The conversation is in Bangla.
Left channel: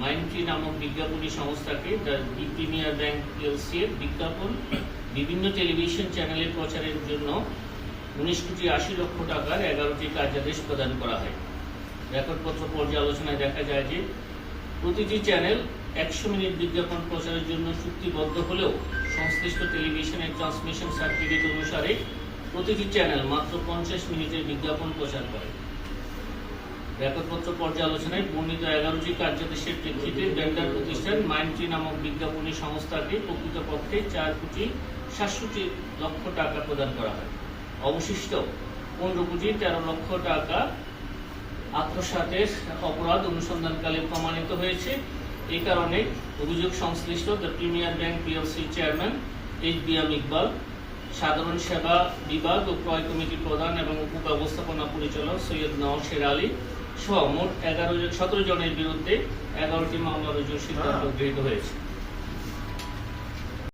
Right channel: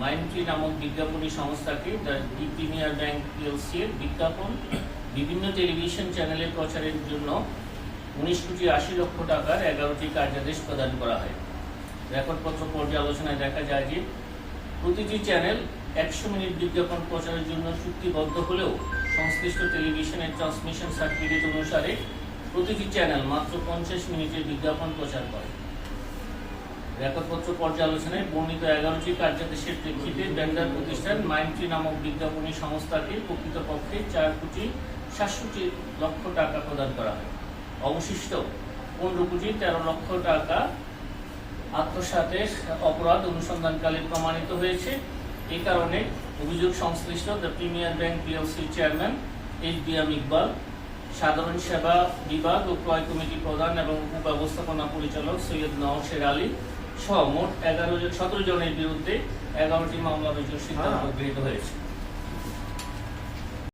মাইন্ডট্রি নামক বিজ্ঞাপনী সংস্থাকে দি প্রিমিয়ার ব্যাংক পিএলসি এর বিজ্ঞাপন বিভিন্ন টেলিভিশন চ্যানেলে প্রচারের জন্য 19,80,00,000 টাকার 11টি কার্যাদেশ প্রদান করা হয়। রেকর্ডপত্র পর্যালোচনায় দেখা যায় যে প্রতিটি চ্যানেল 100 মিনিট বিজ্ঞাপন প্রচারের জন্য চুক্তিবদ্ধ হলেও সংশ্লিষ্ট টেলিভিশনের ট্রান্সমিশন সার্টিফিকেট অনুসারে প্রতিটি চ্যানেল মাত্র 50 মিনিটের বিজ্ঞাপন প্রচার করে। রেকর্ডপত্র পর্যালোচনায় বর্ণিত 11টি কার্যাদেশের প্রেক্ষিতে ভেন্ডার প্রতিষ্ঠান মাইন্ডট্রি নামক বিজ্ঞাপনী সংস্থাকে প্রকৃতপক্ষে 4,67,00,000 টাকা প্রদান করা হয়। অবশিষ্ট 15,13,00,000 টাকা আত্মসাতের অপরাধ অনুসন্ধানকালে প্রমাণিত হয়েছে। এই কারণে অভিযোগ সংশ্লিষ্ট the premier bank PLC chairman HBM Iqbal, সাধারণ সেবা বিভাগ ও ক্রয় কমিটি প্রধান এবং উপব্যবস্থাপনা পরিচালক সৈয়দ নওশের আলী সহ মোট 17 জনের বিরুদ্ধে 11টি মামলা রুজুর সিদ্ধান্ত গৃহীত হয়েছে।